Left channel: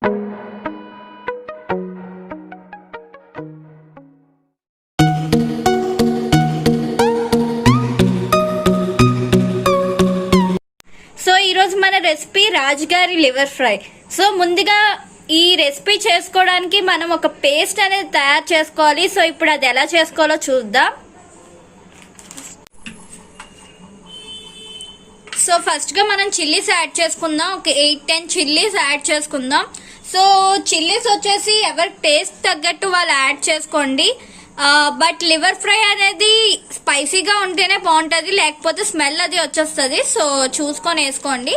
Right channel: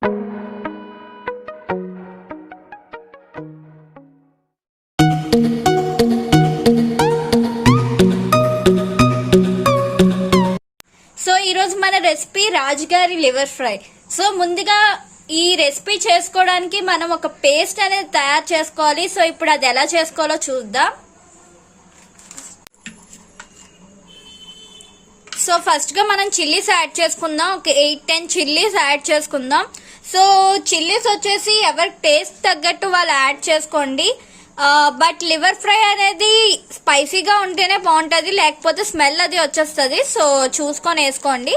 సో ఈరోజు మన రెసిపీ రాజుగారి లివర్ ఫ్రై. సో ముందుగా ఈ రెసిపీ చేసుకోవడానికి మనం ఒక పేస్ట్ అనేది తయారు చేసుకోవాలి. సో ఇప్పుడు అది ఎలా చేసుకోవాలో చూద్దాం. సో ఫస్ట్ గా మనం చిల్లీస్ యాడ్ చేసుకుందాం. ఒక 8-10 చిల్లీస్ యాడ్ చేసుకుందాం. సో చిల్లీస్ వచ్చేసి ఎవరి టేస్ట్ తగ్గట్టు వాళ్ళు యాడ్ చేసుకోండి. బట్ లివర్ ఫ్రై అనేది స్పైసీగా ఉంటేనే బాగుంటుంది, లేకపోతే స్మెల్ అది వచ్చేస్తుంది. సో చూసుకొని వేసుకోండి.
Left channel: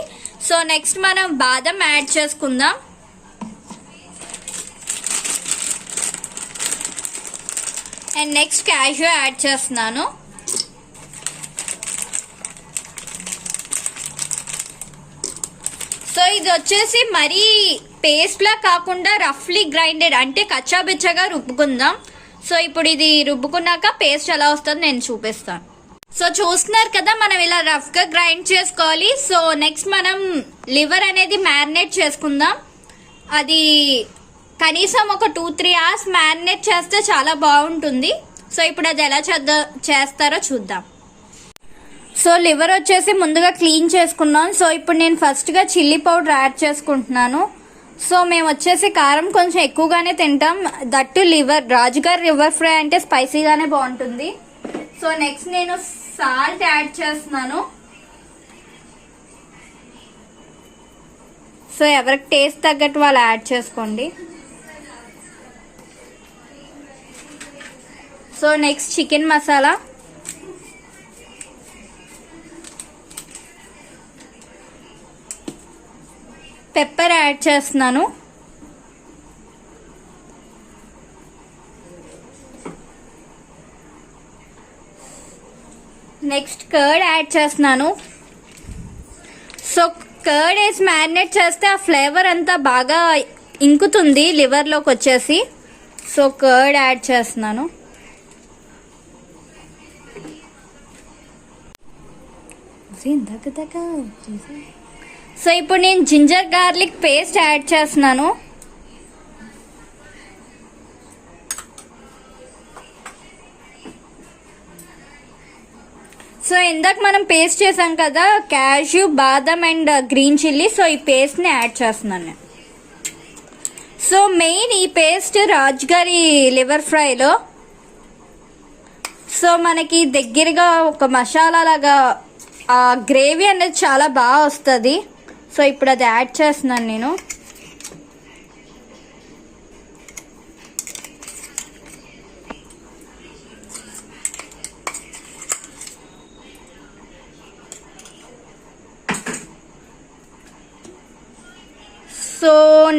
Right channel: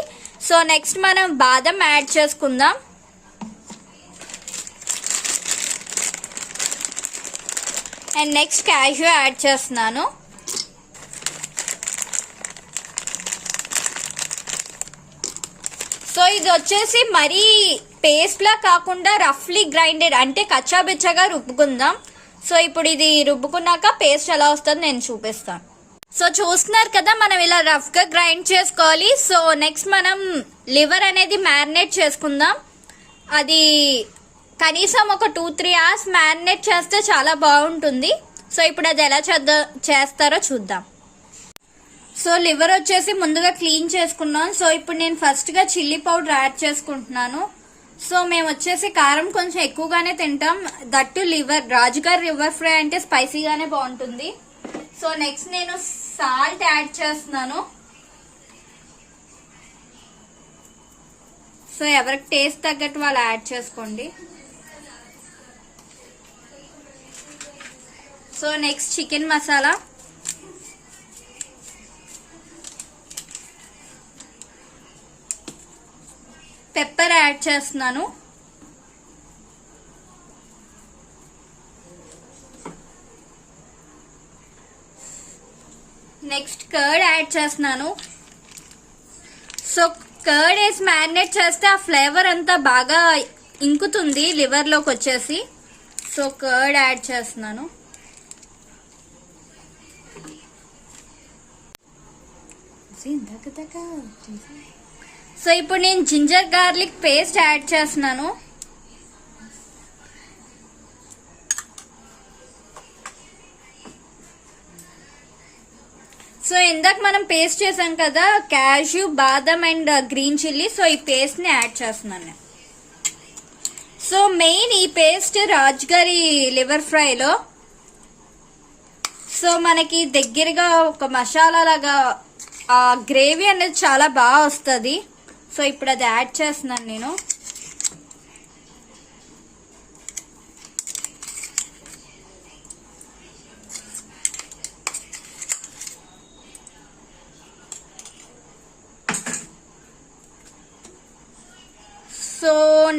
సో నెక్స్ట్ మనం బాదం యాడ్ చేసుకుందాం. అండ్ నెక్స్ట్ క్యాష్యూ యాడ్ చేస్తున్నాను. సో ఇది వచ్చేసి మరీ పేస్ట్ లా కాకుండా రఫ్లీ గ్రైండెడ్, అంటే కచ్చాబిచ్చగా రుబ్బుకుందాం. సో ఇప్పుడు ఇది రుబ్బుకున్నాక పేస్ట్ ఎలా వస్తుందో నేను చూపిస్తాను. సో చూస్తున్నారు కదా, మనం ఇలా రఫ్ గా గ్రైండ్ చేసుకోవాలి. సో నెక్స్ట్ మనం లివర్ అనేది మ్యారినేట్ చేసుకుందాం. అది కనీసం ఒక 2-3 అవర్స్ మ్యారినేట్ చేస్తే చాలా బాగుంటుంది. సో ఇప్పుడు అది ఎలా చేస్తారో చూద్దాం. సో లివర్ వచ్చేసి ముందుగా క్లీన్ చేసుకున్నాం. సో ఇప్పుడు నేను ఫస్ట్ గా చిల్లీ పౌడర్ యాడ్ చేసుకుంటున్నాను. సో మేము వచ్చేసి కారం కొంచెం ఎక్కువగానే తింటాం. దట్టు రాజుగారి లివర్ ఫ్రై అంటే స్పైసీగానే బాగుంటుంది. సో నెక్స్ట్ నేను సాల్ట్ యాడ్ చేస్తున్నాను. సో ఎవరికి టేస్ట్ తగ్గట్టు వాళ్ళు యాడ్ చేసుకోండి. So next chicken masala, pepper add చేస్తున్నాను. నెక్స్ట్ కర్డ్ యాడ్ చేస్తున్నాను. సో కర్డ్ వేసి మ్యారినేట్ చేస్తే ఆ ఫ్లేవర్ అంతా బాగా ఇంకుతుంది లివర్లోకి వచ్చేసి. సో కర్డ్ యాడ్ చేస్తున్నాను. సో ఇప్పుడు నేను జింజర్ గార్లిక్ పేస్ట్ యాడ్ చేస్తున్నాను. సో ఇందాక మనం పేస్ట్ చేసాం కదా, క్యాష్యూ, బాదం అండ్ గ్రీన్ చిల్లీ. సో ఈ పేస్ట్ ని యాడ్ చేస్తున్నాను. సో మెయిన్ ఈ పేస్ట్ రాజుగారి లివర్ ఫ్రైలో సో మనకి దగ్గరగా ఒక మసాలా లాగా ఆ గ్రేవీ అనేది చాలా బాగా వస్తుంది. సో ఇప్పుడు అది యాడ్ చేస్తున్నాను నేను. సో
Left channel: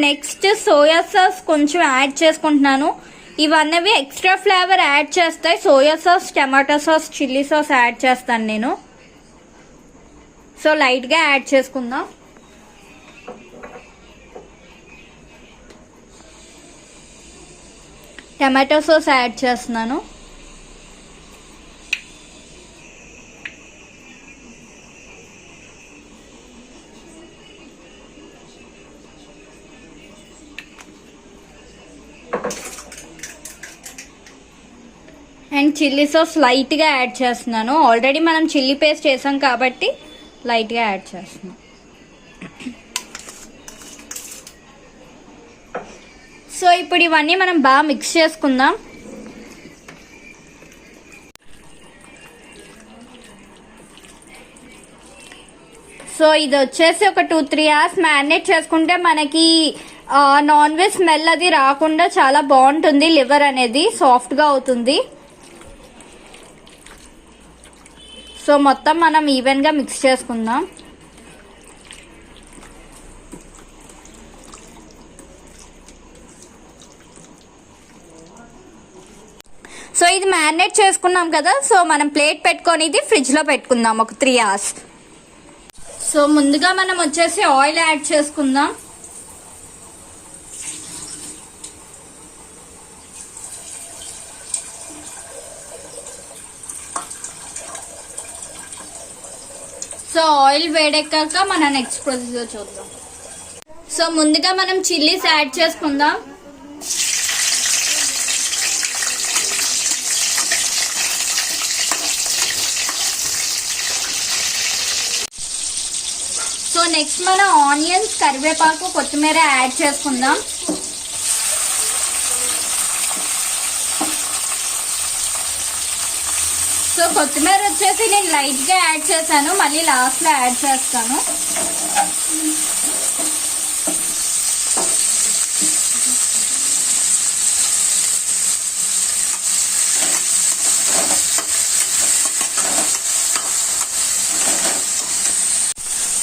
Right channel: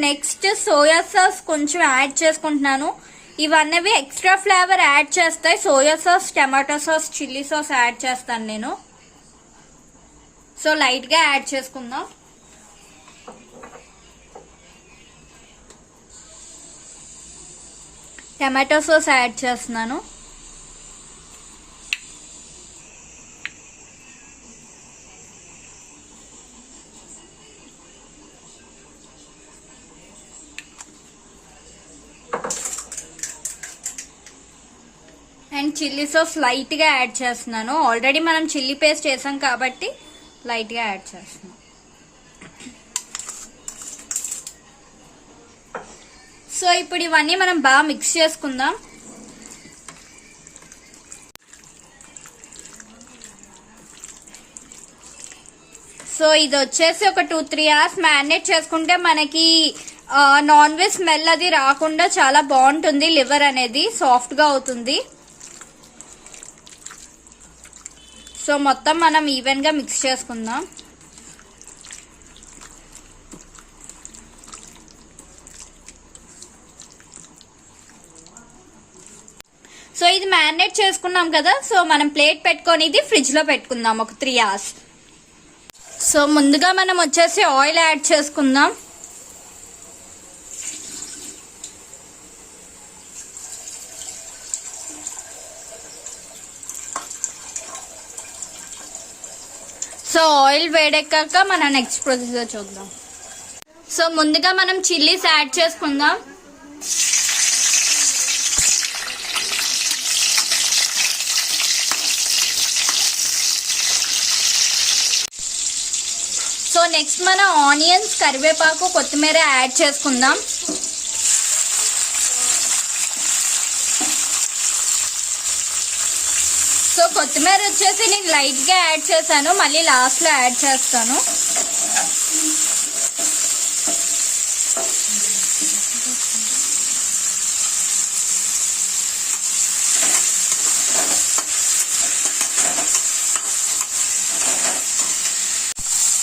నెక్స్ట్ సోయా సాస్ కొంచెం యాడ్ చేసుకుంటున్నాను. ఇవన్నీ ఎక్స్ట్రా ఫ్లేవర్ యాడ్ చేస్తాయి. Soya sauce, tomato sauce, chilli sauce add చేస్తాను నేను. సో లైట్ గా యాడ్ చేసుకుందాం. టమాటో సాస్ యాడ్ చేస్తున్నాను. అండ్ చిల్లీ సాస్ లైట్ గా యాడ్ చేస్తున్నాను. ఆల్రెడీ మనం చిల్లీ పేస్ట్ వేసాం కాబట్టి లైట్ గా యాడ్ చేస్తున్నాం. సో ఇప్పుడు ఇవన్నీ మనం బాగా మిక్స్ చేసుకుందాం. సో ఇది వచ్చేసి ఒక 2-3 అవర్స్ మ్యారినేట్ చేసుకుంటే మనకి నాన్ వెజ్ స్మెల్ అది రాకుండా చాలా బాగుంటుంది. లివర్ అనేది సాఫ్ట్ గా అవుతుంది. సో మొత్తం మనం ఈవెన్ గా మిక్స్ చేసుకుందాం. సో ఇది మ్యారినేట్ చేసుకున్నాం కదా. సో మనం ప్లేట్ పెట్టుకొని ఇది ఫ్రిడ్జ్ లో పెట్టుకుందాం ఒక 3 అవర్స్. సో ముందుగా మనం వచ్చేసి ఆయిల్ యాడ్ చేసుకుందాం. సో ఆయిల్ వేడెక్కాక మన నెక్స్ట్ ప్రొసీజర్ చూద్దాం. సో ముందుగా మనం చిల్లీస్ యాడ్ చేసుకుందాం. సో నెక్స్ట్ మనం ఆనియన్స్, కరివేపాకు, కొత్తిమీర యాడ్ చేసుకుందాం. సో కొత్తిమీర వచ్చేసి నేను లైట్ గా యాడ్ చేశాను, మళ్ళీ లాస్ట్ లో యాడ్ చేస్తాను.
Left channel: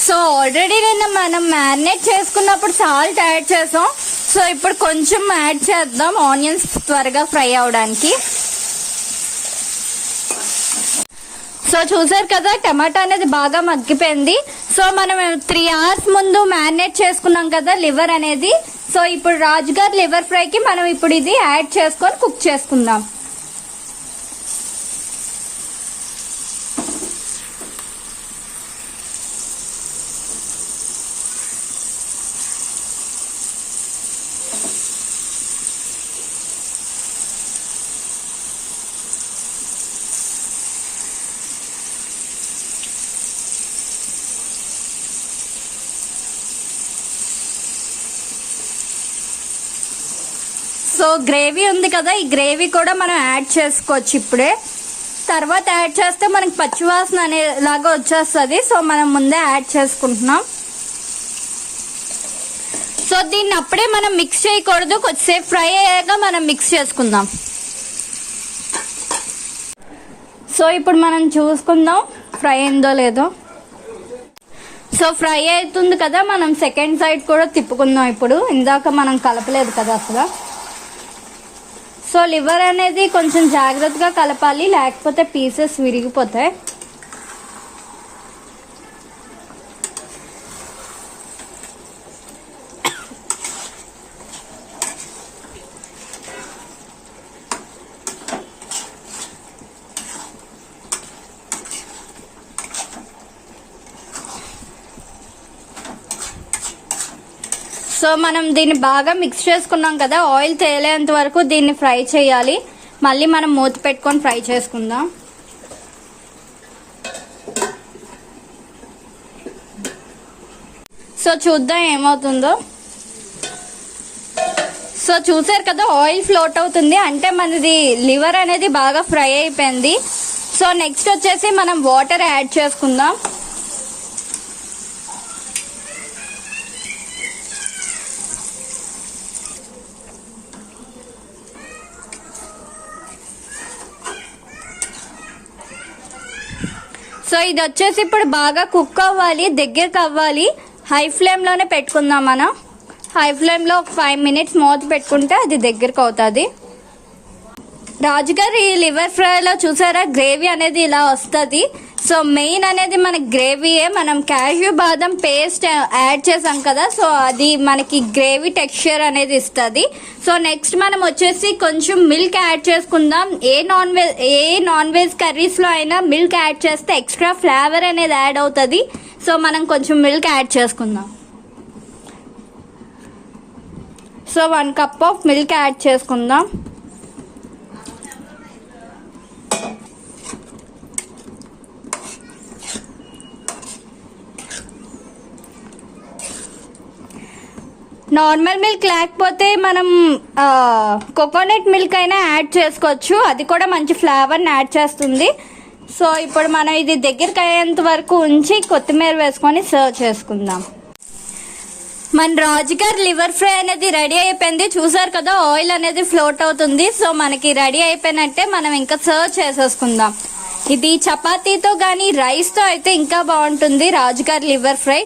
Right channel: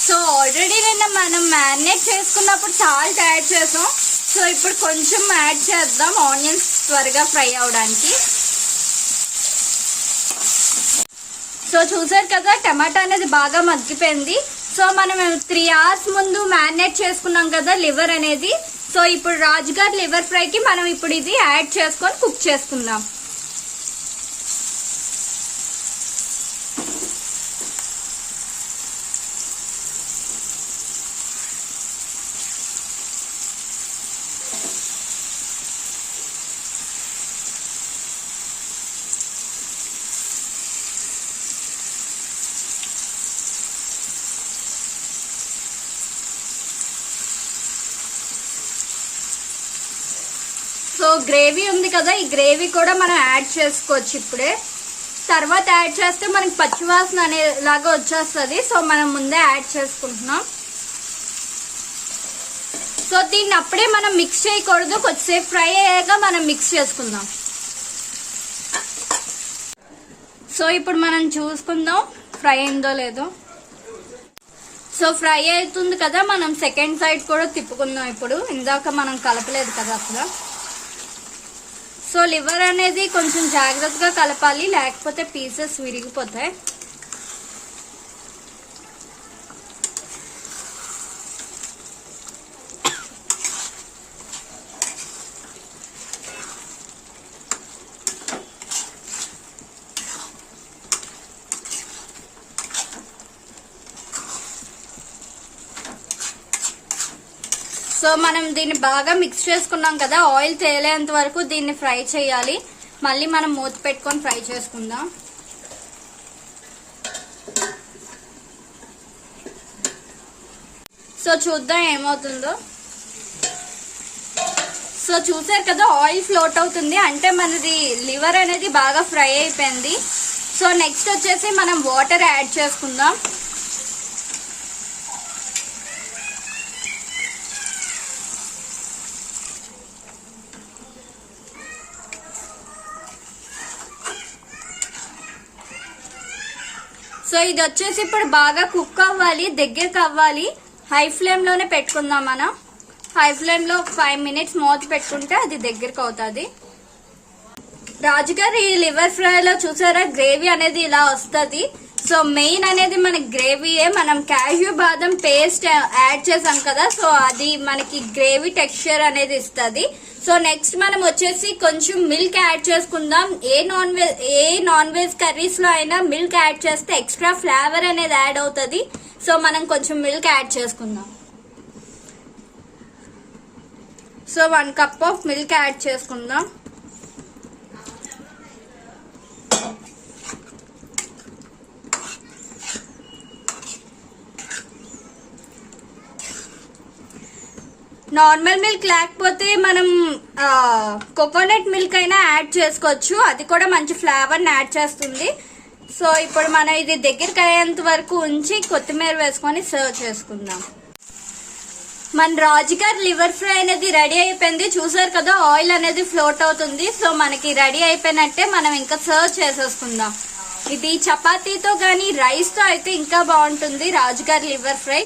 సో ఆల్రెడీ నిన్న మనం మ్యారినేట్ చేసుకున్నప్పుడు సాల్ట్ యాడ్ చేసాం. సో ఇప్పుడు కొంచెం యాడ్ చేద్దాం ఆనియన్స్ త్వరగా ఫ్రై అవడానికి. సో చూసారు కదా టమాటా అనేది బాగా మగ్గిపోయింది. సో మనం 3 hours ముందు మ్యారినేట్ చేసుకున్నాం కదా లివర్ అనేది. సో ఇప్పుడు రాజుగారి లివర్ ఫ్రైకి మనం ఇప్పుడు ఇది యాడ్ చేసుకొని కుక్ చేసుకుందాం. సో గ్రేవీ ఉంది కదా, ఈ గ్రేవీ కూడా మనం యాడ్ చేసుకోవచ్చు ఇప్పుడే. తర్వాత యాడ్ చేస్తే మనకి పచ్చివాసన అనేలాగా వచ్చేస్తుంది. సో మనం ముందే యాడ్ చేసుకుంటున్నాం. సో దీన్ని అప్పుడే మనం మిక్స్ చేయకూడదు, కొద్దిసేపు ఫ్రై అయ్యాక మనం మిక్స్ చేసుకుందాం. సో ఇప్పుడు మనం చూసుకుందాం ఫ్రై అయిందో లేదో. సో ఫ్రై అవుతుంది కదా, మనం సెకండ్ సైడ్ కూడా తిప్పుకుందాం. ఇప్పుడు ఇందాక మనం కలపలేదు కదా అసలు. సో లివర్ అనేది కొంచెం జాగ్రత్తగా కలపాలి, లేకపోతే పీసెస్ విరిగిపోతాయి. సో మనం దీన్ని బాగా మిక్స్ చేసుకున్నాం కదా, ఆయిల్ తేలేంత వరకు దీన్ని ఫ్రై చేయాలి. మళ్ళీ మనం మూత పెట్టుకొని ఫ్రై చేసుకుందాం. సో చూద్దాం ఏమవుతుందో. సో చూసారు కదా ఆయిల్ ఫ్లోట్ అవుతుంది, అంటే మనది లివర్ అనేది బాగా ఫ్రై అయిపోయింది. సో నెక్స్ట్ వచ్చేసి మనం వాటర్ యాడ్ చేసుకుందాం. సో ఇది వచ్చేసి ఇప్పుడు బాగా కుక్ అవ్వాలి, దగ్గరకు అవ్వాలి. హై ఫ్లేమ్ లోనే పెట్టుకుందాం మనం. హై ఫ్లేమ్ లో 5 minutes మూత పెట్టుకుంటే అది దగ్గరకు అవుతుంది. రాజుగారి లివర్ ఫ్రైలో చూసారా గ్రేవీ అనేది ఇలా వస్తుంది. సో మెయిన్ అనేది మనకి గ్రేవీయే. మనం క్యాష్యూ బాదం పేస్ట్ యాడ్ చేసాం కదా, సో అది మనకి గ్రేవీ టెక్స్చర్ అనేది ఇస్తుంది. సో నెక్స్ట్ మనం వచ్చేసి కొంచెం మిల్క్ యాడ్ చేసుకుందాం. ఏ నాన్ వెజ్ కర్రీస్ లో అయినా మిల్క్ యాడ్ చేస్తే ఎక్స్ట్రా ఫ్లేవర్ అనేది యాడ్ అవుతుంది. సో మనం కొంచెం మిల్క్ యాడ్ చేసుకుందాం. సో 1 cup ఆఫ్ మిల్క్ యాడ్ చేసుకుందాం. నార్మల్ మిల్క్ లేకపోతే మనం కోకోనట్ మిల్క్ అయినా యాడ్ చేసుకోవచ్చు, అది కూడా మంచి ఫ్లేవర్ని యాడ్ చేస్తుంది. సో ఇప్పుడు మనం ఇది దగ్గరికి అయ్యేంత వరకు ఉంచి కొత్తిమీర వేసుకొని సర్వ్ చేసుకుందాం. మన రాజుగారి లివర్ ఫ్రై అనేది రెడీ అయిపోయింది. చూసారు కదా ఆయిల్ అనేది ఫ్లోట్ అవుతుంది. సో మనకి రెడీ అయిపోయినట్టే, మనం ఇంకా సర్వ్ చేసేసుకుందాం. ఇది చపాతీతో గానీ రైస్ తో అయితే ఇంకా బాగుంటుంది రాజుగారి లివర్ ఫ్రై.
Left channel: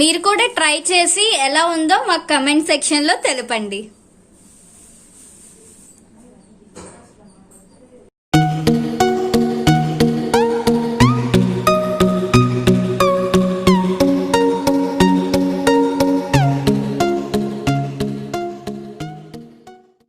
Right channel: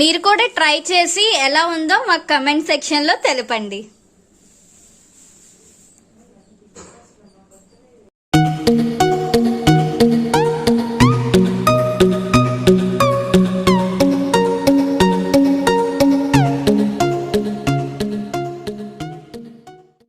మీరు కూడా ట్రై చేసి ఎలా ఉందో మాకు కమెంట్ సెక్షన్ లో తెలపండి.